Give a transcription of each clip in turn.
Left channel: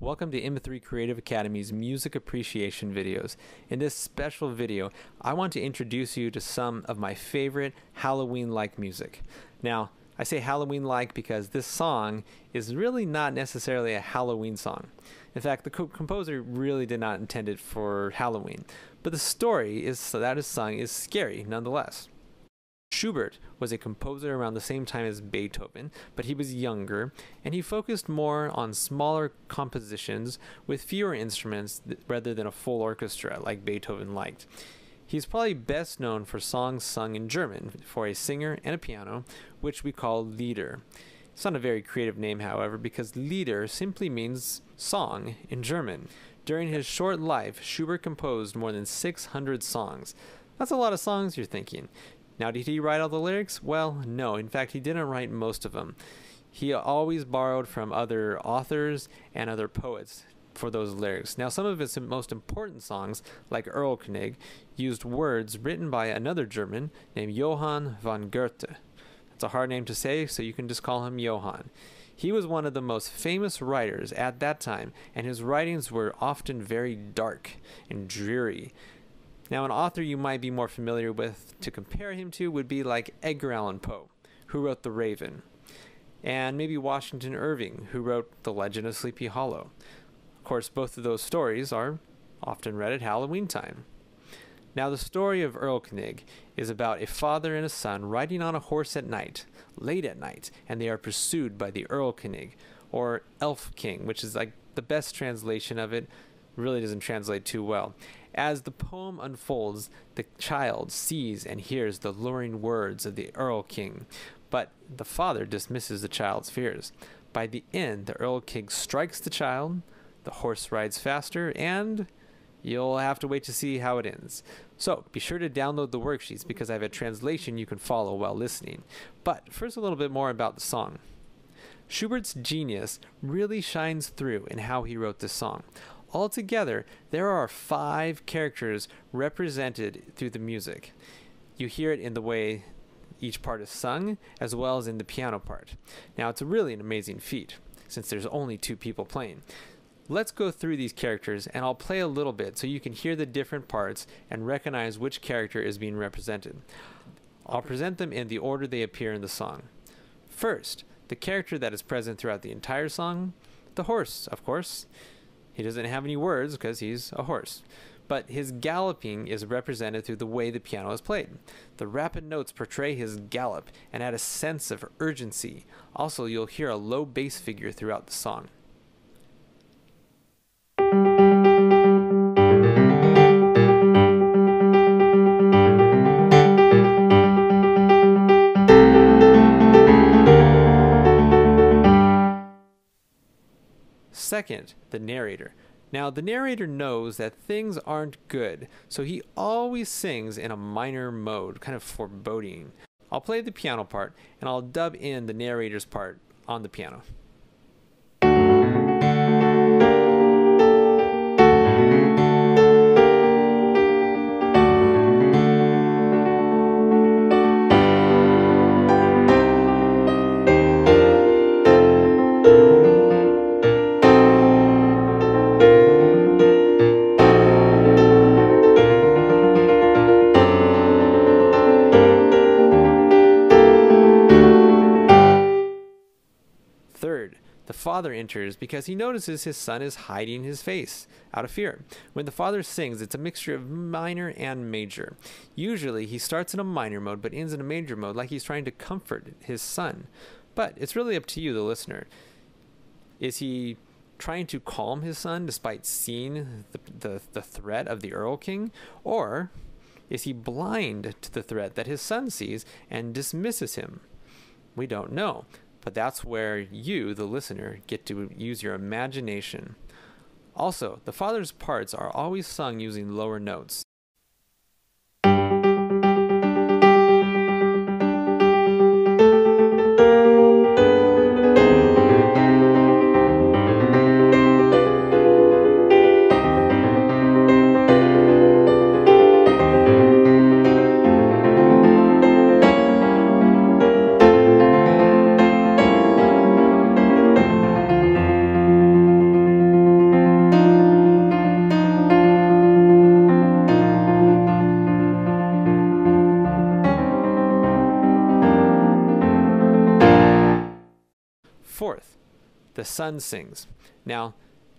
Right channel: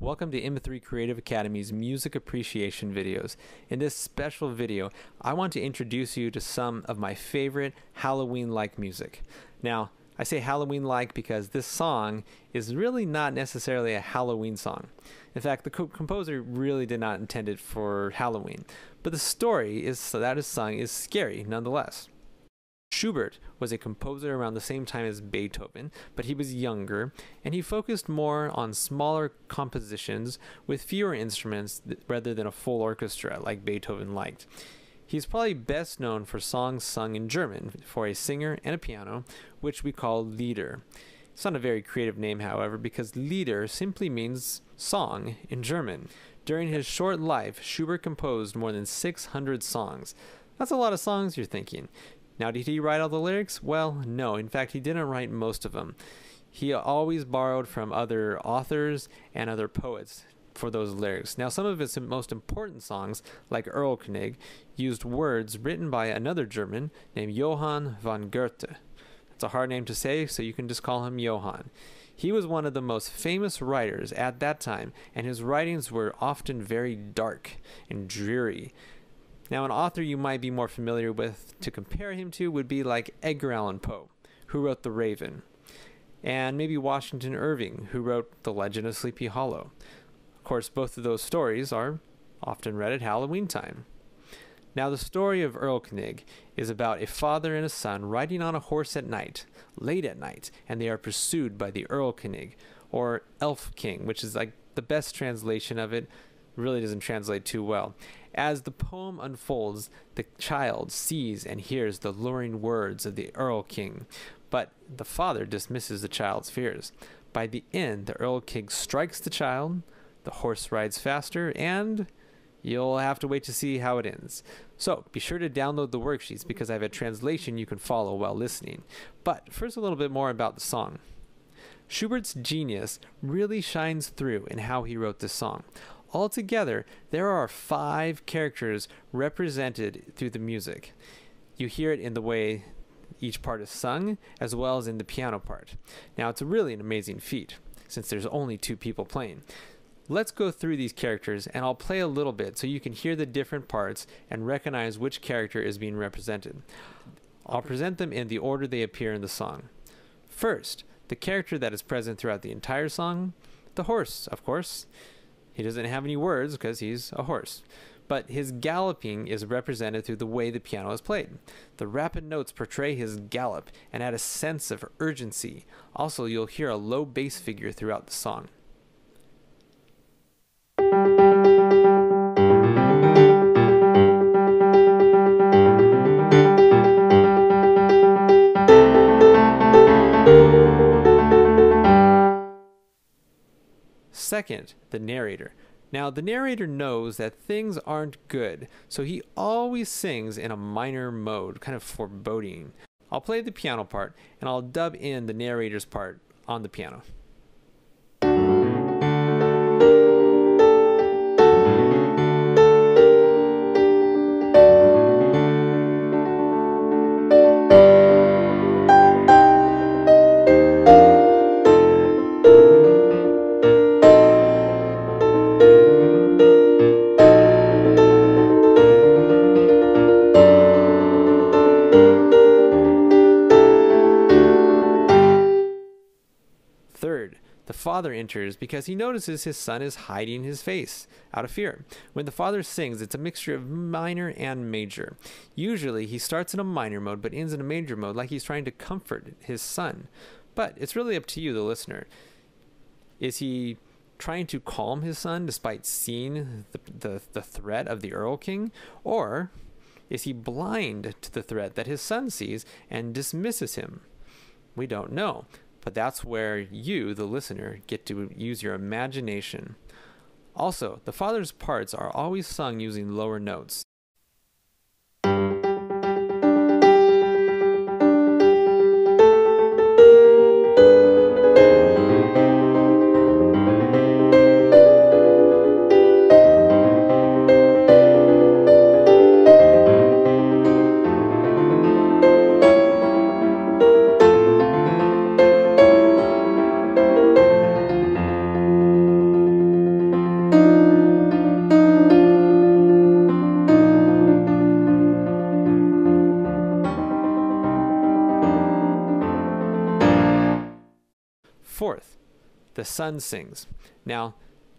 Welcome to M3 Creative Academy's Music Appreciation videos. In this special video, I want to introduce you to some of my favorite Halloween-like music. Now, I say Halloween-like because this song is really not necessarily a Halloween song. In fact, the composer really did not intend it for Halloween, but the story that is sung is scary nonetheless. Schubert was a composer around the same time as Beethoven, but he was younger, and he focused more on smaller compositions with fewer instruments rather than a full orchestra like Beethoven liked. He's probably best known for songs sung in German for a singer and a piano, which we call Lieder. It's not a very creative name, however, because Lieder simply means song in German. During his short life, Schubert composed more than 600 songs. That's a lot of songs, you're thinking. Now, did he write all the lyrics? Well, no. In fact, he didn't write most of them. He always borrowed from other authors and other poets for those lyrics. Now, some of his most important songs, like Erlkönig, used words written by another German named Johann von Goethe. It's a hard name to say, so you can just call him Johann. He was one of the most famous writers at that time, and his writings were often very dark and dreary. Now, an author you might be more familiar with to compare him to would be like Edgar Allan Poe, who wrote The Raven, and maybe Washington Irving, who wrote The Legend of Sleepy Hollow. Of course, both of those stories are often read at Halloween time. Now, the story of Erlkönig is about a father and a son riding on a horse at night, late at night, and they are pursued by the Erlkönig, or Elf King, which is like the best translation of it. Really doesn't translate too well. As the poem unfolds, the child sees and hears the luring words of the Earl King, but the father dismisses the child's fears. By the end, the Earl King strikes the child, the horse rides faster, and you'll have to wait to see how it ends. So be sure to download the worksheets because I have a translation you can follow while listening. But first, a little bit more about the song. Schubert's genius really shines through in how he wrote this song. Altogether, there are 5 characters represented through the music. You hear it in the way each part is sung, as well as in the piano part. Now, it's really an amazing feat, since there's only 2 people playing. Let's go through these characters, and I'll play a little bit so you can hear the different parts and recognize which character is being represented. I'll present them in the order they appear in the song. First, the character that is present throughout the entire song, the horse, of course. He doesn't have any words because he's a horse, but his galloping is represented through the way the piano is played. The rapid notes portray his gallop and add a sense of urgency. Also, you'll hear a low bass figure throughout the song. Second, the narrator. Now, the narrator knows that things aren't good, so he always sings in a minor mode, kind of foreboding. I'll play the piano part, and I'll dub in the narrator's part on the piano. Third, the father enters because he notices his son is hiding his face out of fear. When the father sings, it's a mixture of minor and major. Usually, he starts in a minor mode but ends in a major mode, like he's trying to comfort his son. But it's really up to you, the listener. Is he trying to calm his son despite seeing the threat of the Earl King? Or is he blind to the threat that his son sees and dismisses him? We don't know. But that's where you, the listener, get to use your imagination. Also, the father's parts are always sung using lower notes. Fourth, the son sings. Now,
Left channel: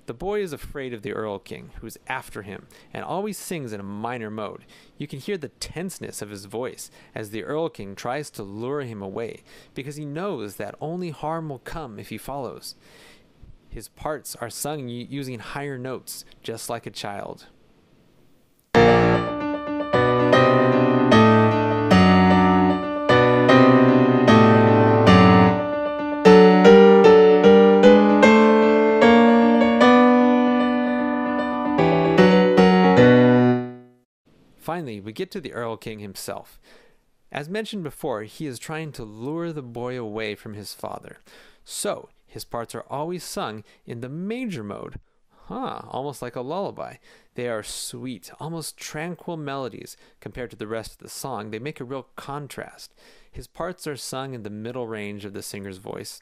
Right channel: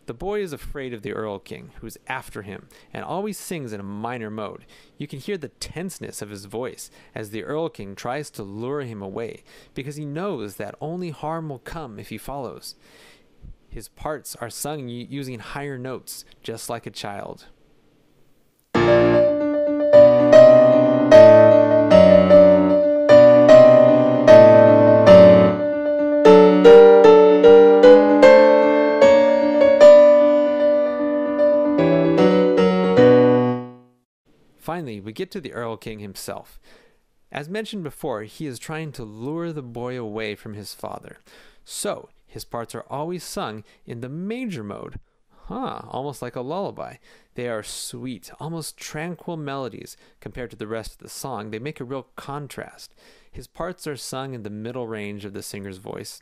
the boy is afraid of the Earl King, who's after him, and always sings in a minor mode. You can hear the tenseness of his voice as the Earl King tries to lure him away, because he knows that only harm will come if he follows. His parts are sung using higher notes, just like a child. Finally, we get to the Earl King himself. As mentioned before, he is trying to lure the boy away from his father. So, his parts are always sung in the major mode. Almost like a lullaby. They are sweet, almost tranquil melodies compared to the rest of the song. They make a real contrast. His parts are sung in the middle range of the singer's voice.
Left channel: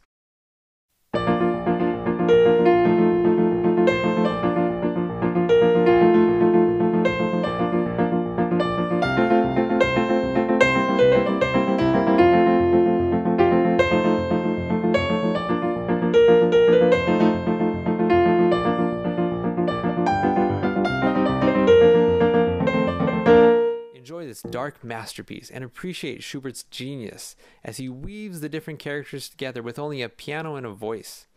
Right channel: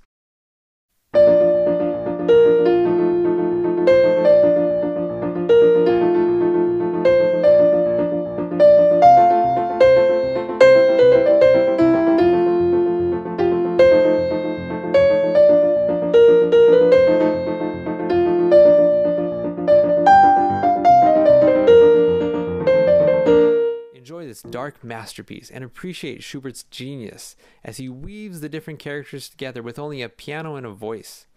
Enjoy this dark masterpiece and appreciate Schubert's genius as he weaves the different characters together with only a piano and a voice.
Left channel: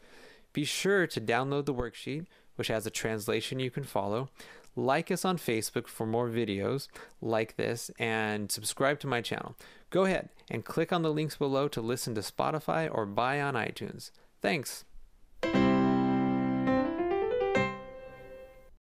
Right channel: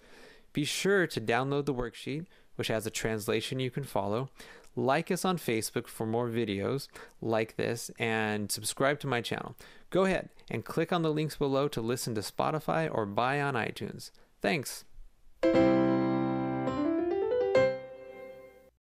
Be sure to download the worksheet, which has a translation you can follow. Like us on Facebook for more videos like this, and subscribe to my channel. Go ahead and click on the links below to listen to Spotify or buy on iTunes. Thanks.